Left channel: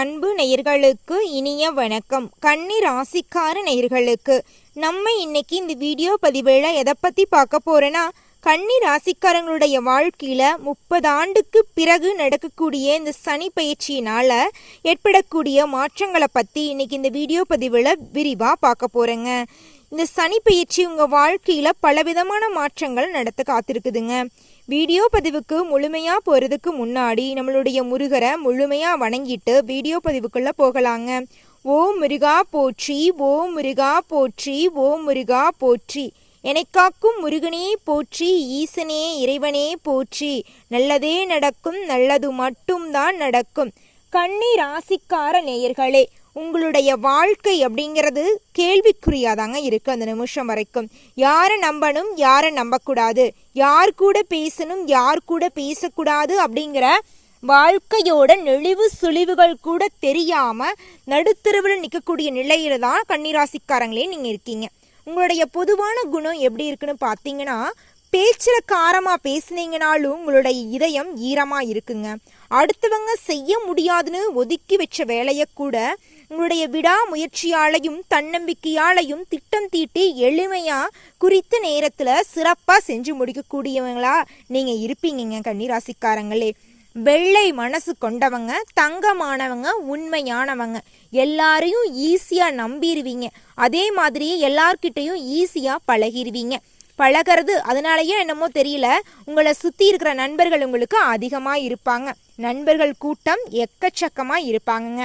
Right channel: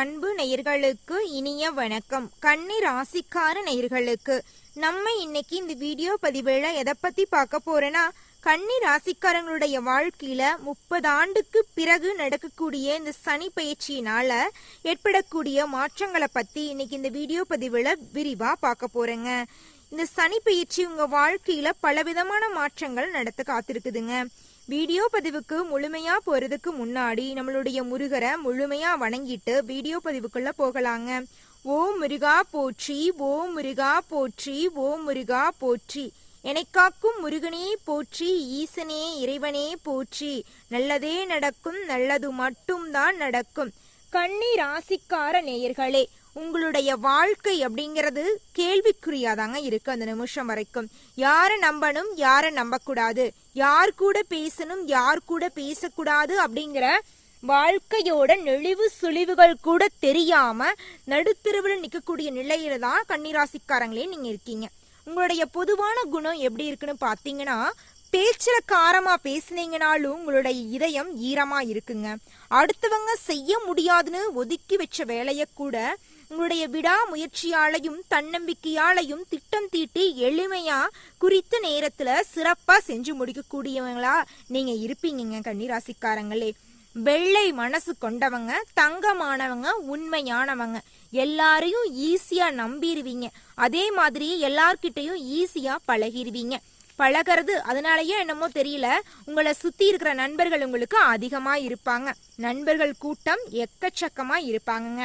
அன்பு நேயர்களுக்கு இனிய வணக்கம். கன்னி ராசிக்கார நேயர்களுக்கு நம்ம இன்னைக்கு இந்த வீடியோ பதிவுல எதை பத்தி பார்க்க போறோன்னா, கன்னி ராசிக்காரங்களுடைய வாழ்க்கையில 30 ஆண்டுக்கு பிறகு நடக்கக்கூடிய இந்த சனி பயிற்சியினால ஏற்படக்கூடிய மாற்றங்களை பத்தி இன்னைக்கு இந்த வீடியோ பதிவுல விரிவா பார்க்க போறேங்க. இந்த சனி பயிற்சி உங்க வாழ்க்கையில பலவிதமான மாற்றங்கள் நடத்த காத்திருக்குதுங்க. வீடியோ பதிவுக்கு முழுமையா போறதுக்கு முன்னாடி நம்மளுடைய முருகரை முழுமையா வணங்கிட்டு வீடியோ பதிவுக்குள்ள போகலாங்க. ஓம் முருகா போற்றி, ஓம் முருகா போற்றி, ஓம் முருகா போற்றி. எனக்காக்கும் முருகனே போற்றி, ஈசனே இறைவனே போற்றி. நல்லதே நடக்கும், நல்லது மட்டும்தான் நடக்கும். கன்னி ராசிக்கார நேயர்களே, உங்களுடைய வாழ்க்கை அப்படிங்கிறது கேள்விக்குறியாதாங்க இருக்கு. அந்த நிமிஷம் வரைக்கும் யாரை நம்பணும், யாரை நம்பக்கூடாது, யார் கூட பேசணும், யார் கூட பேசக்கூடாது அப்படிங்கிற வாழ்க்கையோட நெளிவு சுழிவுகள் கூட தெரியாம நடுத்தருவில் நிற்கக்கூடிய நிலையில தான் கன்னிராசிக்காரங்களே நீங்க இருக்கீங்க. உங்களுடைய பொதுவான குணம் எப்படி இருக்குன்னு பார்த்தீங்கன்னா, பேச்சுல காரமா பேசுனீங்கனாலும் உங்களுடைய இதயம் ஈரமா இருக்குங்க. அடுத்தவங்க செய்ய முடியாதுன்னு ஒதுக்கி வச்ச வேலையை கூட உங்களுடைய விடாமுயற்சியாலையும் தன்னம்பிக்கையாலையும் திட்டம் தீட்டி எளிமையா குறித்த நேரத்துல சிறப்பா செஞ்சு முடிக்கக்கூடியவங்களா நீங்க இருப்பீங்க கன்னிராசிக்காரங்களே. வெள்ளை மனசு கொண்டவங்க, தங்கமானவங்க, உண்மையானவங்க, எல்லாரையும் ஈஸியா நம்பிடுவீங்க. அதே மாதிரி எல்லார்கிட்டையும் ஈஸியா பழகிடுவீங்க. பழகிறது அதனாலயே என்னமோ தெரியல, உங்களை சுத்தி இருக்கிற நண்பர்கள் உங்களுக்கு அதிகமா இருப்பாங்க. நண்பர்கள் கூட்டம் எக்கச்சக்கமா இருப்பாங்கங்க.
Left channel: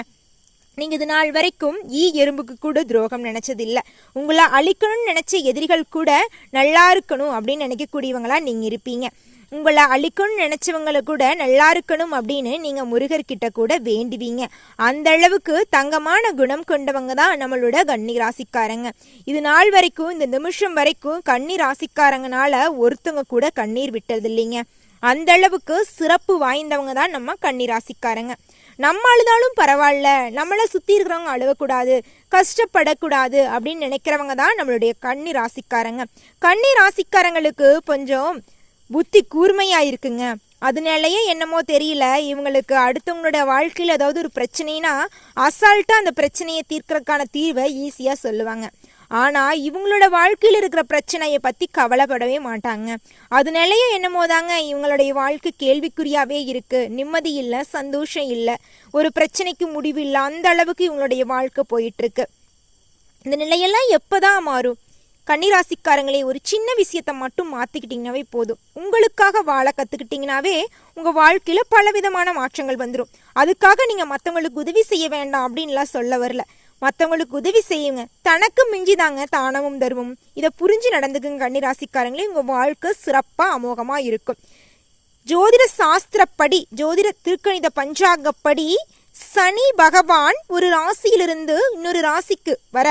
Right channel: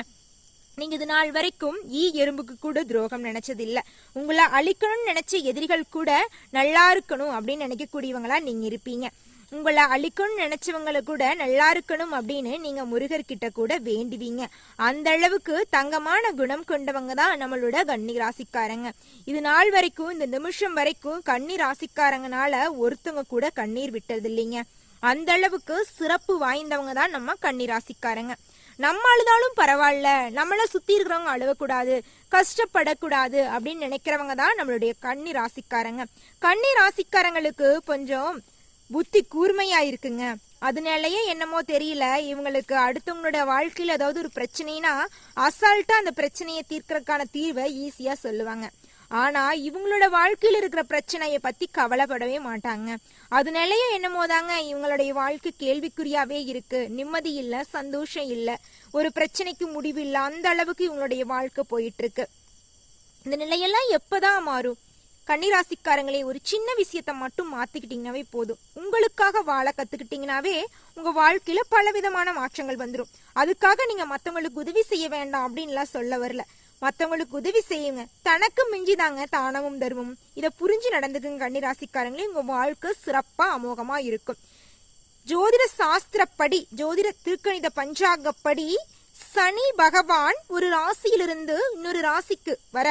நீங்க இது நாள் வரைக்கும் எறும்புக்கு கூட துரோகம் நினைச்சதில்லை. உங்களை அழிக்கணும்னு நினைச்ச எதிரிகள் கூட நல்லா இருக்கணும் அப்படின்னு நினைக்கக்கூடியவங்களா நீங்க இருப்பீங்க. உங்களை அழிக்கணும்னு நினைச்சவங்களை கூட நல்லா இருக்கணும் அப்படின்னு நீங்க முருகர்கிட்ட கூட வேண்டுவீங்க. அந்த அளவுக்கு தங்கமான குணம் கொண்டவங்க தான் நம்மளோட கன்னி ராசிக்காரங்க. இது நாள் வரைக்கும், இந்த நிமிஷம் வரைக்கும் கன்னி ராசிக்காரங்கனால ஒருத்தவங்க கூட கண்ணீர் விட்டது இல்லைங்க. அந்த அளவுக்கு சிறப்பு வாய்ந்தவங்க தான் நம்ம கன்னி ராசிக்காரங்க. நம்ம அழுதாலும் பரவாயில்ல, நம்மளை சுத்தி இருக்கிறவங்க அழுவக்கூடாது, கஷ்டப்படக்கூடாது அப்படின்னு நினைக்கிறவங்க தான் நம்மளுடைய கன்னி ராசிக்காரங்க. கன்னி ராசிக்காரங்களுக்கு கொஞ்சம் புத்தி கூர்மையா இருக்குங்க. அதனாலயே என்னமோ தெரியல, இவங்களுக்கு அடுத்தவங்களோட வாழ்க்கையில ஏதாவது ஒரு பிரச்சனைனா அசால்ட்டா அந்த பிரச்சனையை தீர்க்கறதுக்கான தீர்வை ஈஸியா சொல்லுவாங்க. ஆனா இவங்களோட வாழ்க்கையில இருக்கிற பிரச்சனையை பத்தி கவலைப்படவே மாட்டாங்க. அதனாலயே என்னமோ தாங்க இவங்களுடைய வாழ்க்கை கேள்விக்குறியாவே இருக்கு. நிம்மதி இல்ல, சந்தோஷம் இல்ல, ஒரு பிரச்சனைக்கு முடிவு இல்ல, அந்த அளவுக்கு இவங்களுடைய வாழ்க்கை போயிட்டு இருக்கு. இந்த நிலையெல்லாம் எப்பதான் மாறும்? கன்னிராசிக்காரங்களே, ஒரு சின்ன விஷயத்த மட்டும் மாத்திக்கிட்டீங்கன்னாவே போதும். உங்களுக்காக வாழ கத்துக்கிட்டீங்கன்னாவே உங்க வாழ்க்கையில பலவிதமான மாற்றங்கள் வந்துடும். அதுக்காக நீங்க மத்தவங்களுக்கு உதவி செய்ய வேண்டாம் அப்படின்லாம் சொல்ல வரல. மற்றவங்களுக்கு உதவி செய்யுங்க. தனக்கு மிஞ்சிதாங்க தானமும் தர்மம். இதை புரிஞ்சு நடந்துக்குங்க கன்னிராசிக்காரங்களே. உங்க வாழ்க்கை சிறப்பா அமோகமா இருக்கும். ஜோதிட சாஸ்திரப்படி, ஜோதிட திருக்கணித பஞ்சாங்கப்படி சனி பகவான் ஒரு ராசியிலிருந்து இன்னொரு ராசிக்கு வர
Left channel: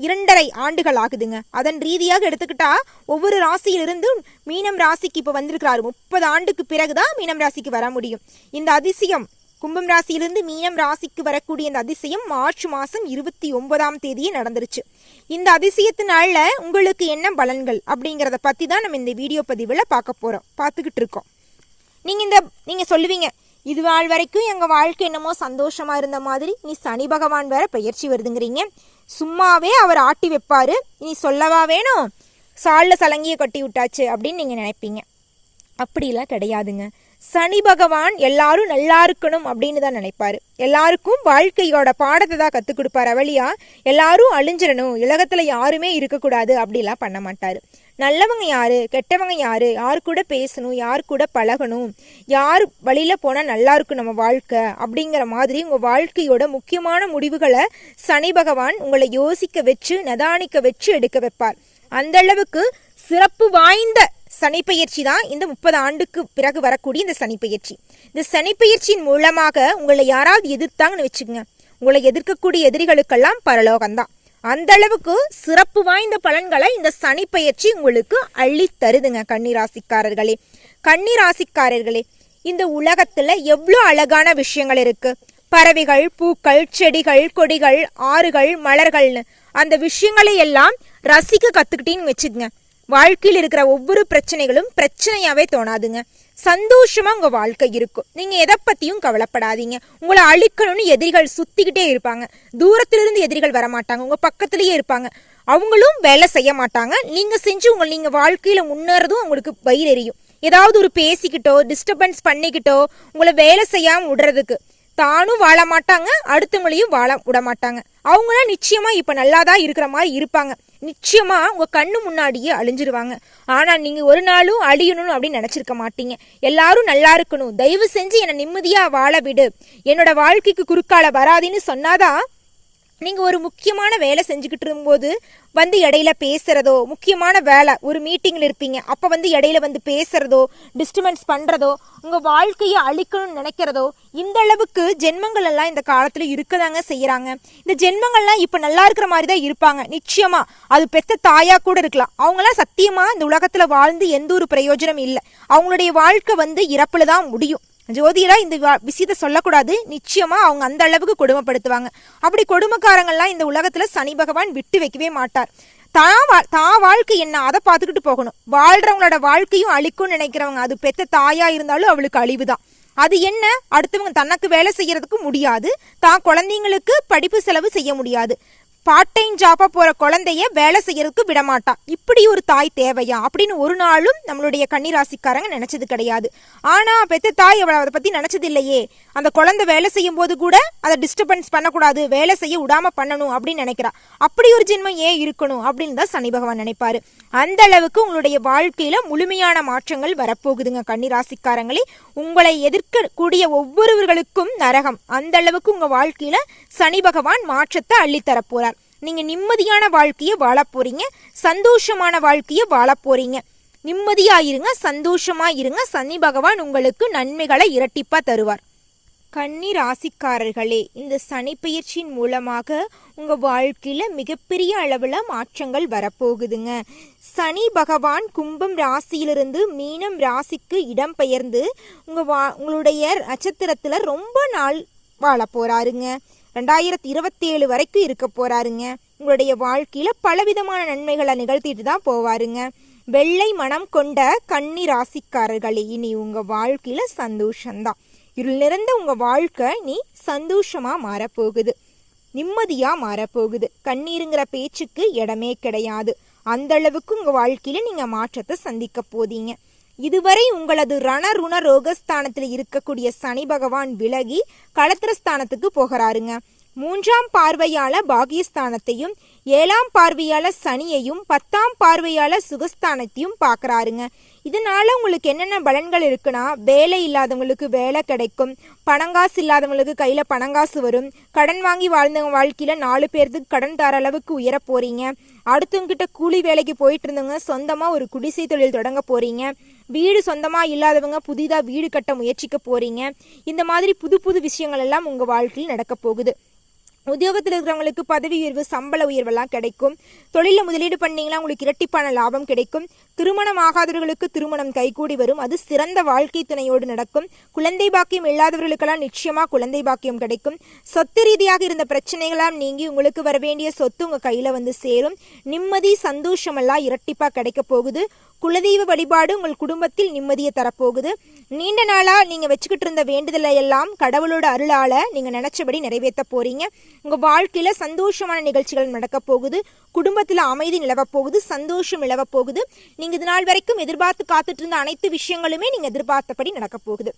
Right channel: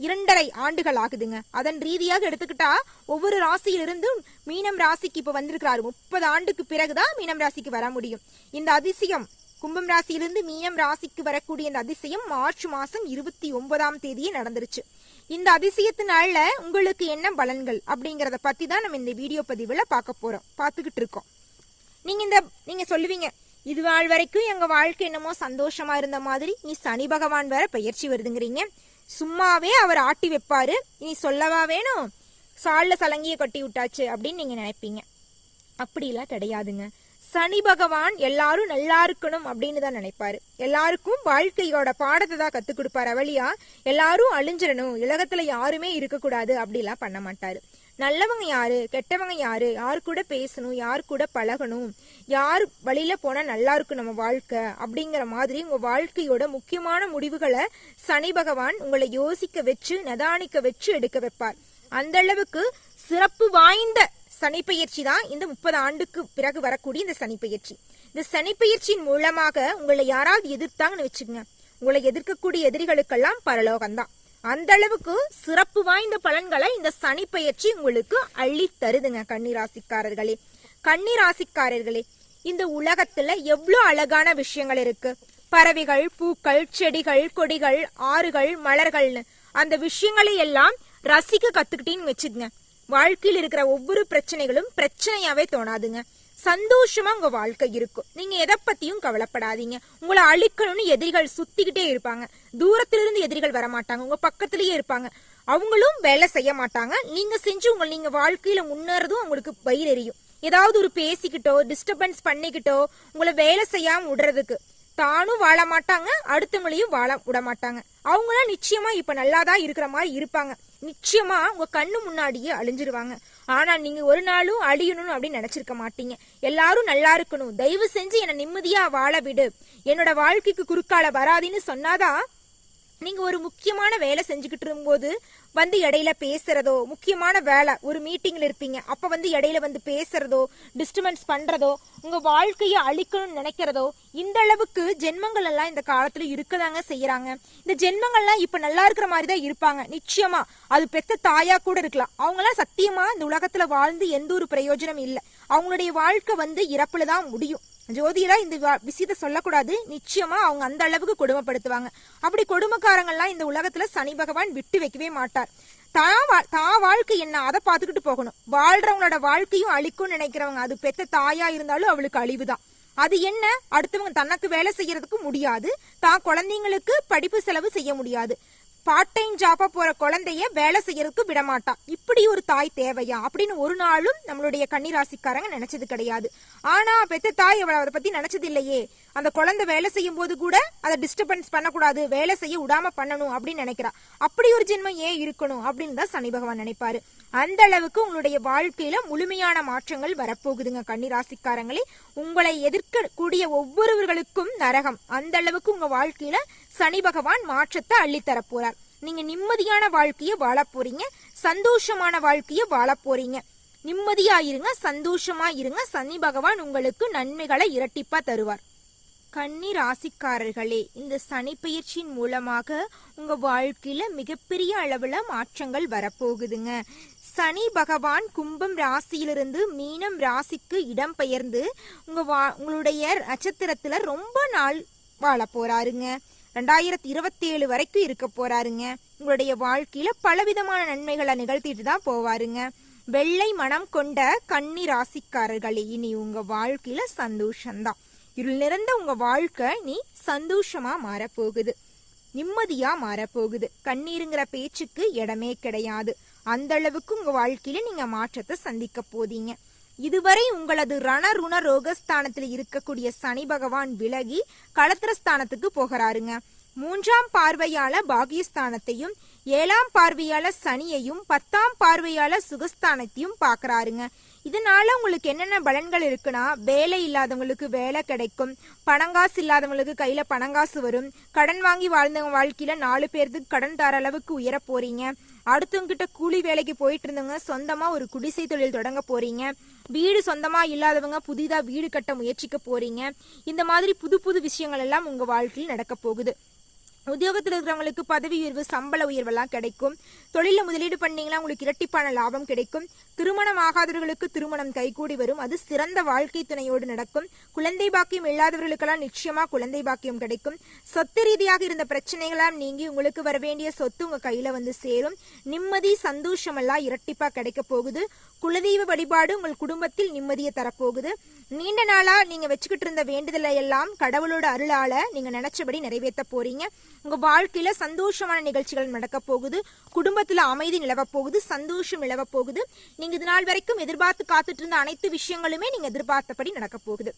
2.5 ஆண்டுகள் ஆகுதுங்க. அதன் ரீதியாக எடுத்துக்கிட்டா ஒவ்வொரு ராசியிலிருந்து மீனம் ராசிக்கு இப்ப வந்திருக்கிறாரு. 30 ஆண்டுக்கு பிறகுதான் மீனம் ராசிக்கு வர முடியும். இந்த அதிசயம் கும்பம் ராசியிலிருந்து மீனம் ராசிக்கு வரக்கூடிய இந்த அதிசயம் மார்ச் மாசம் 29ஆம் தேதியே நடந்துருச்சு. இந்த அதிசயத்தினால உங்களுக்கு என்ன பலன்கள் அப்படிங்கறத பத்தி தான் நம்ம இந்த வீடியோ பதிவுல பார்த்துக்கிட்டு இருக்கோம். நீங்க சொல்லுவீங்க, இது நாள் வரைக்கும் எங்க வாழ்க்கை என்னமோ சந்தோஷமா இருந்த மாதிரி நீ சனி பகவான் வேற பெயர்ச்சி வருதுங்கிறீங்க, சும்மாவே அவர் ஆட்டி வைப்பாரு, இனி சொல்லவா வேணும், சால்ல சலங்கிய கட்டி விட்டாச்சு அப்படின்னு நீங்க நினைப்பீங்க. அப்படிலாம் கிடையாதுங்க. சனி பகவான் எல்லாரும் நல்லா இருக்கணும் அப்படின்னு தான் நினைப்பாரு. எல்லாருக்கும் வாழ்க்கையோட பாடத்தை தான் கத்துக் கொடுப்பாரு. வழியா எல்லாரும் அழிஞ்சிடணும், உலகத்துல யாருமே இருக்கக்கூடாது அப்படிலாம் பண்ண மாட்டாரு. நல்லவங்க யாரு, கெட்டவங்க யாரு, யார் கூட பேசணும், யார் கூட பழகணும், யார் வழியில போனா நல்லா இருக்கும் நம்ம வாழ்க்கை அப்படிங்கிற மாதிரி உங்க வாழ்க்கையோட முக்கியமான முடிவுகளை சனி பகவான் உங்களை யோசிக்க வச்சு நிதானிக்க வச்சு எடுக்க வைப்பார். அந்த அளவுக்கு சிறப்பு வாய்ந்த சனி பயிற்சி தான் இந்த 30 ஆண்டுக்கு பிறகு வரக்கூடிய இந்த சனி பயிற்சி. இந்த சனி பயிற்சியின் மூலமாக உங்களை யாராவது எதிர்த்தாங்கன்னு வச்சுக்கோங்க, உங்களை எதிர்க்கக்கூடிய எதிரிகளுக்கெல்லாம் பரலோகம்தான். அந்த அளவுக்கு சிறப்பு வாய்ந்த பலன்களை இந்த சனி பயிற்சி உங்களுக்கு அள்ளி தருதுங்க கன்னிராசிக்காரர்களே. கன்னிராசிக்காரர்களே, இந்த உலகத்துல எவ்வளவு அழகான விஷயங்கள் இருக்கு. பறவைகள், பூக்கள், செடிகள், கொடிகள், ஆறுகள், மலர்கள்னு அந்த விஷயங்களை எல்லாம் ரசிக்க கத்துக்கிட்டீன்னு வச்சுக்கோங்க, வாழ்க்கையில் இருக்கிற ஒவ்வொரு பிரச்சனைகளும் பிரச்சனையாவே தோணாதுங்க. சந்தோஷமா உங்க வாழ்க்கை இருக்கும். நீங்க எதை பத்தியும் கவலைப்படாதீங்க. உங்களை அழிக்கணும்னு எதிரிகள் சுத்திக்கிட்டே இருப்பாங்க. தூரத்திலிருந்து எதிரிகள் வரமாட்டாங்க, உங்க பக்கத்திலேயே இருப்பாங்க. அவங்களும் வேலை செய்ய மாட்டாங்க. நீங்க செஞ்சு நீங்க வாழ்க்கையில முன்னேறதும் உங்களுக்கு வயிறு எரியும். ஏதாவது ஒரு பேசிக்கிட்டோ டிஸ்டர்பன்ஸ் பண்ணிக்கிட்டோ உங்களை வேலை செய்யாம விடுறதுக்கு தானும் வாழ மாட்டாங்க, அடுத்தவங்களையும் வாழ விட மாட்டாங்க. அவங்களாம் நிச்சயமா இப்ப நல்லாதான் இருக்கிற மாதிரி இருப்பாங்க. நிச்சயமா உங்க கண்ணு முன்னாடியே அழிஞ்சிருவாங்க. ஆனா நீங்க ஒரு நாளும் அழியணும் அப்படின்னு நினைச்சிருக்க மாட்டீங்க. எல்லாரும் நல்லா இருக்கணும், தயவு செஞ்சு என்னை நிம்மதியா வாழ விடு, என்னோட வாழ்க்கைக்கு குறுக்கால வராதுன்னு சொன்னாதான் நீங்க ஒரு முக்கியமான வேலை செஞ்சுக்கிட்டு இருக்கும்போது வந்து இடையில பேசுறதோ, முக்கியமான வேலை ஒரு மீட்டிங்ல இருப்பீங்க, அப்ப வந்து இடையில வந்து பேசுறதோ, டிஸ்டர்பன்ஸ் பண்றதோ, உங்க வாழ்க்கையை அழிக்கணும்னு நினைக்கிறதோ, இந்த அளவுக்கு ஜென்மங்கள் எல்லாம் இந்த காலத்துல இருக்கதாங்க செய்யறாங்க. இந்த ஜென்மங்கள்லாம் இப்ப நல்லா இருக்கிற மாதிரி தான் இருப்பாங்க. நிச்சயமா அது பெத்த தாயா கூட இருக்கலாம். அவங்களாம் சத்தியமா இந்த உலகத்துல வாழ்ந்து எந்த ஒரு பிரயோஜனம் இல்லை. அவங்களுடைய வாழ்க்கை வந்து இறப்புலதான் முடியும். ஜோதிடா இந்த விஷயத்த சொல்லக்கூடாது. நிச்சயமா அவங்க அந்த அளவுக்கு கொடுமைப்படுத்துவாங்க. அப்படி கொடுமைக்காரங்கள்லாம் இந்த உலகத்துல சனி பகவான் விட்டு வைக்கவே மாட்டார். தான் வாழ்க்கை என்ன அதை பார்த்துக்கிட்டு போகணும். வாழ்றவங்களோட வாழ்க்கையும் அழிக்கும்னு நினைக்கிறவங்க, அது பெத்த தாயா இருந்தாலும் அவளுக்கு அழிவுதான். அது என்ன, அடுத்தவங்க தனக்கு வேலை செய்யறதுக்கு முடியாது, தான் குழந்தைங்களுக்கு படிப்பு செலவு செய்ய முடியாது, பார்ட் டைம் ஜாப்பா போற குழந்தைய வேலை செய்யறதுக்கு விடமாட்டா. இப்படி ஒரு தாய் தேவையா அப்படின்னு ஒரு நாளும் நம்மளுடைய கன்னிராசிக்காரங்க நினைச்சது கிடையாது. ஆனா பெத்த தாய் அவளை அதை பத்தி நினைச்சது இல்லையே. அந்த குழந்தை வேலை செய்யும் போது கூட அதை டிஸ்டர்பன்ஸ் பண்ணக்கூடாது, வேலை செய்ய விடாம பண்ணணும் அப்படின்னு நினைக்கிறா. அப்படி ஒரு ஜென்மம் ஏன் இருக்கணும் அப்படின்னு தான் சனி பகவான் நினைப்பாரு. அந்த அளவுக்கு உங்களுடைய வாழ்க்கையில முழுமையான மாற்றங்கள் வரப்போகுதுங்க கன்னிராசிக்காரங்களே. உங்களை எதிர்க்கக்கூடிய ஒவ்வொருவர்களுக்கும் நரகம். அந்த அளவுக்கு உங்க வாழ்க்கையில சனி பகவான் மாற்றத்தை அள்ளித்தர போறார். நீங்க நிம்மதியான வாழ்க்கைய வாழ போறீங்க, சந்தோஷமான வாழ்க்கைய வாழ போறீங்க. நிம்மதியா இருங்க, சந்தோஷமா இருங்க. சனி பகவான் உங்களுக்கு நன்மைகளை இரட்டிப்பா தருவார். கன்னி ராசிக்காரர்களே, இந்த சனி பயிற்சியின் மூலமாக உங்க வாழ்க்கையில மிகப்பெரிய அளவுல மாற்றங்கள் வரப்போகுதுங்க. சனி பகவான் கும்பம் ராசியிலிருந்து மீனம் ராசிக்கு இடம் பெயர்ந்து உங்களுடைய நட்சத்திரத்துல ரொம்ப நாள் வாழ போறாருங்க. 2027 வரைக்கும் இருக்க போறாருங்க. உங்களுடைய வாழ்க்கையில பலவிதமான நன்மைகளை நிகழ்த்திட்டு தான் போவாருங்க. வெள்ளை மனம் கொண்ட கன்னி ராசிக்காரர்களே, இனி உங்க வாழ்க்கையில சந்தோஷம்தான். இருள் நிறைந்த உங்க வாழ்க்கை நீ சந்தோஷமா மாறப்போகுது, நிம்மதியா மாறப்போகுது. கண்ணீருங்கிற பேச்சுக்கு இடமே கிடையாது. அந்த அளவுக்கு உங்க வாழ்க்கையில நீங்க மாற்றத்தை சந்திக்க போதீங்க. இதுவரை உங்களது ரணருண ரோகஸ்தானத்தில் இருக்கக்கூடிய சனி பகவான் விலகி களத்திரஸ்தானத்துக்கு போகிறாருங்க. 3ஆம் பார்வையால பாகியஸ்தானத்தையும் 7ஆம் பார்வையால சனியையும் 10ஆம் பார்வையால சுகஸ்தானத்தையும் பாக்குறாருங்க. இதனால உங்களுக்கு என்னென்ன பலன்கள் இருக்குன்னா, வேலை இல்லாதவங்களுக்கு வேலை கிடைக்கும், பணங்காசு இல்லாதவங்களுக்கு கையில பணங்காசு வரும், கடன் வாங்கி வாழ்ந்தவங்க வாழ்க்கையில 4 பேருக்கு கடன் தர அளவுக்கு உயர போறீங்க. அடுத்தவங்க கிட்ட கூலி வேலைக்கு போயிட்டு இருந்தவங்க சொந்தமா ஒரு குடிசை தொழில் தொடங்க போறீங்க. வீடு சொந்தமா இல்லாதவங்க புதிதா வீடு கட்ட முயற்சிக்க போறீங்க. இந்த மாதிரி புது புது விஷயங்கள் எல்லாம் உங்க வாழ்க்கையில் நடக்க போகுது. உத்தியோகத்தில் இருக்கிறவங்களுக்கு பதவி உயர்வு, சம்பள உயர்வெல்லாம் கிடைக்கும். தொழில முதலீடு பண்ணீங்கன்னா உங்களுக்கு இரட்டிப்பான லாபம் கிடைக்கும். திருமணம் ஆகாதவர்களுக்கு திருமணம் கைகூடி வரும், அது சிறந்த வாழ்க்கை துணையோடு நடக்கும். குழந்தை பாக்கியம் இல்லாதவர்களுக்கெல்லாம் நிச்சயமா குழந்தை பாக்கியம் கிடைக்கும். சொத்து ரீதியாக இருந்த பிரச்சனைகளாம் நீங்கி உங்களுக்கு வர வேண்டிய சொத்து உங்க கையில வந்து சேரும். நிம்மதி சந்தோஷமெல்லாம் இரட்டிப்பா கிடைக்க போகுது. குலதெய்வ வழிபாடு உங்கள் குடும்பத்தில் நிம்மதியை தரப்போகுது. நீண்ட நாளா நீங்க வச்சுக்கிட்டு இருந்த வேண்டுதலை எல்லாம் கடவுளோட அருளால நீங்க நினைச்சபடி நிறைவேற்ற போறீங்க. உங்க வாழ்க்கையில சந்தோஷமான நிகழ்ச்சிகள் நடக்க போகுது. குடும்பத்துல அமைதி நிலவ போகுது, சந்தோஷம் நிலவ போகுது. நீங்க இது நாள் வரைக்கும் எதிர்பார்த்து காத்துட்டு இருந்த அனைத்து விஷயங்களுமே நீங்க எதிர்பார்த்தபடி நடக்க போகுது.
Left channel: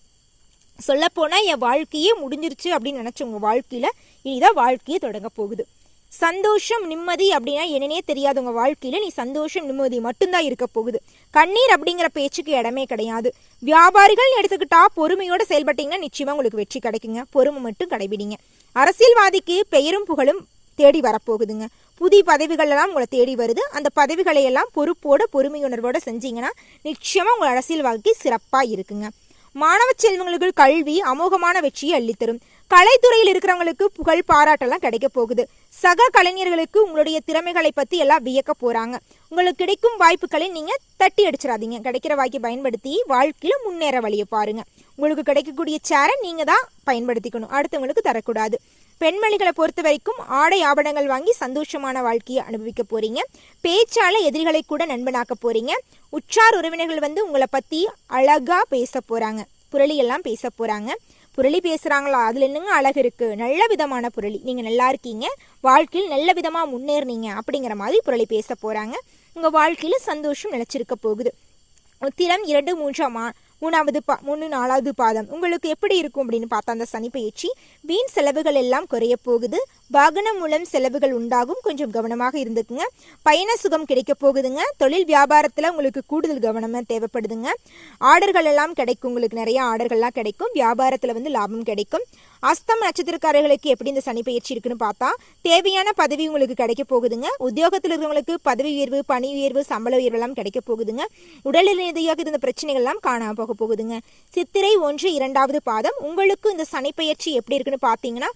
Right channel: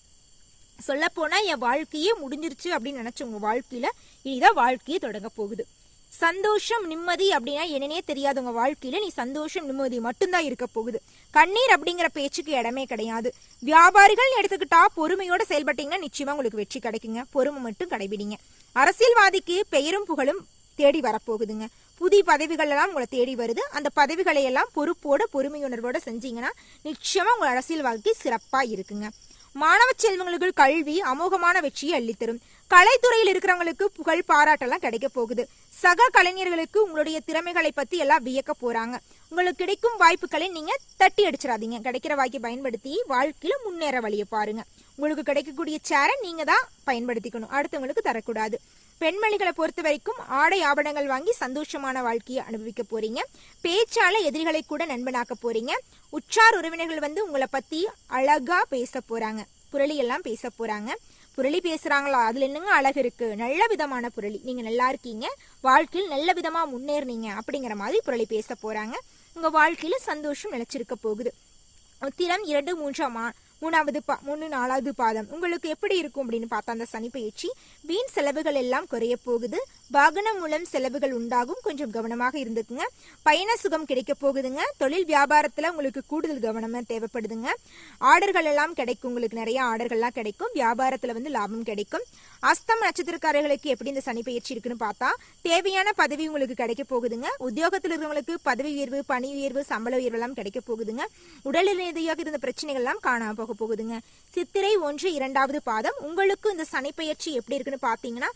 சொல்ல போனா என் வாழ்க்கையே முடிஞ்சிருச்சு அப்படின்னு நினைச்ச உங்க வாழ்க்கையில இனிதான் வாழ்க்கையே தொடங்க போகுது. சந்தோஷம் நிம்மதி அப்படின்னா என்னன்னே தெரியாது. உங்க வாழ்க்கையில நீ சந்தோஷம் நிம்மதி மட்டும்தான் இருக்க போகுது. கண்ணீர் அப்படிங்கிற பேச்சுக்கு இடமே கிடையாது. வியாபாரிகள் எடுத்துக்கிட்டா பொறுமையோட செயல்பட்டீங்கன்னா நிச்சயமா உங்களுக்கு வெற்றி கிடைக்குங்க. பொறுமை மட்டும் கடைபிடிங்க. அரசியல்வாதிக்கு பெயரும் புகழும் தேடி வரப்போகுதுங்க. புதிய பதவிகள் எல்லாம் உங்களை தேடி வருது. அந்த பதவிகளை எல்லாம் பொறுப்போட பொறுமையுணர்வோட செஞ்சீங்கன்னா நிச்சயமா உங்க அரசியல் வாழ்க்கை சிறப்பா இருக்குங்க. மாணவ செல்வங்களுக்கு கல்வி அமோகமான வெற்றியை அள்ளித்தரும். கலைத்துறையில் இருக்கிறவங்களுக்கு புகழ் பாராட்டெல்லாம் கிடைக்க போகுது. சக கலைஞர்களுக்கு உங்களுடைய திறமைகளை பத்தி எல்லாம் வியக்க போறாங்க. உங்களுக்கு கிடைக்கும் வாய்ப்புகளை நீங்க தட்டி அடிச்சிடாதீங்க. கிடைக்கிற வாய்ப்பை பயன்படுத்தி வாழ்க்கையில முன்னேற வழியை பாருங்க. உங்களுக்கு கிடைக்கக்கூடிய சேரை நீங்க தான் பயன்படுத்திக்கணும், அடுத்தவங்களுக்கு தரக்கூடாது. பெண்மணிகளை பொறுத்த வரைக்கும் ஆடை ஆபரணங்கள் வாங்கி சந்தோஷமான வாழ்க்கையை அனுபவிக்க போறீங்க. பேச்சால எதிரிகளை கூட நண்பனாக்க போறீங்க. உற்றார் உறவினர்கள் வந்து உங்களை பற்றி அழகாக பேச போகிறாங்க, புரளி எல்லாம் பேச போகிறாங்க. புரளி பேசுகிறாங்களா, அதில் என்னங்க அழகு இருக்குது, நல்ல விதமான புரளி, நீங்கள் நல்லா இருக்கீங்க, வாழ்க்கையில் நல்ல விதமாக முன்னேறினீங்க அப்படிங்கிற மாதிரி புரளி பேச போகிறாங்க. உங்கள் வாழ்க்கையில் சந்தோஷம் நிலச்சிருக்க போகுது. உத்திரம் 2, 3, 4வது பாதம் உங்களுக்கு எப்படி இருக்கும் அப்படின்னு பார்த்தா அந்த சனி பயிற்சி வீண் செலவுகள் எல்லாம் குறைய போகுது. வாகனம் மூலம் செலவுகள் உண்டாகும், கொஞ்சம் கவனமாக இருந்துக்குங்க. பயண சுகம் கிடைக்க போகுதுங்க. தொழில் வியாபாரத்தில் உங்களுக்கு கூடுதல் கவனமாக தேவைப்படுதுங்க. ஆர்டர்கள் எல்லாம் கிடைக்கும், உங்களுக்கு நிறைய ஆர்டர்கள்லாம் கிடைக்கும். வியாபாரத்தில் வந்து லாபம் கிடைக்கும். அஸ்தம் நட்சத்திரக்காரர்களுக்கு எப்படி இந்த சனி பயிற்சி இருக்குன்னு பார்த்தா தேவையான பதவி உங்களுக்கு கிடைக்க போகுதுங்க. உத்தியோகத்தில் இருக்கிறவங்களுக்கு பதவி உயர்வு, பணி உயர்வு, சம்பள உயர்வு எல்லாம் கிடைக்க போகுதுங்க. உடல் ரீதியாக இருந்த பிரச்சனைகள் எல்லாம் காணாம போக போகுதுங்க. சித்திரை 1, 2வது பாதம் உங்களுக்கு இந்த சனி பயிற்சி எப்படி இருக்குன்னு பார்த்தீங்கன்னா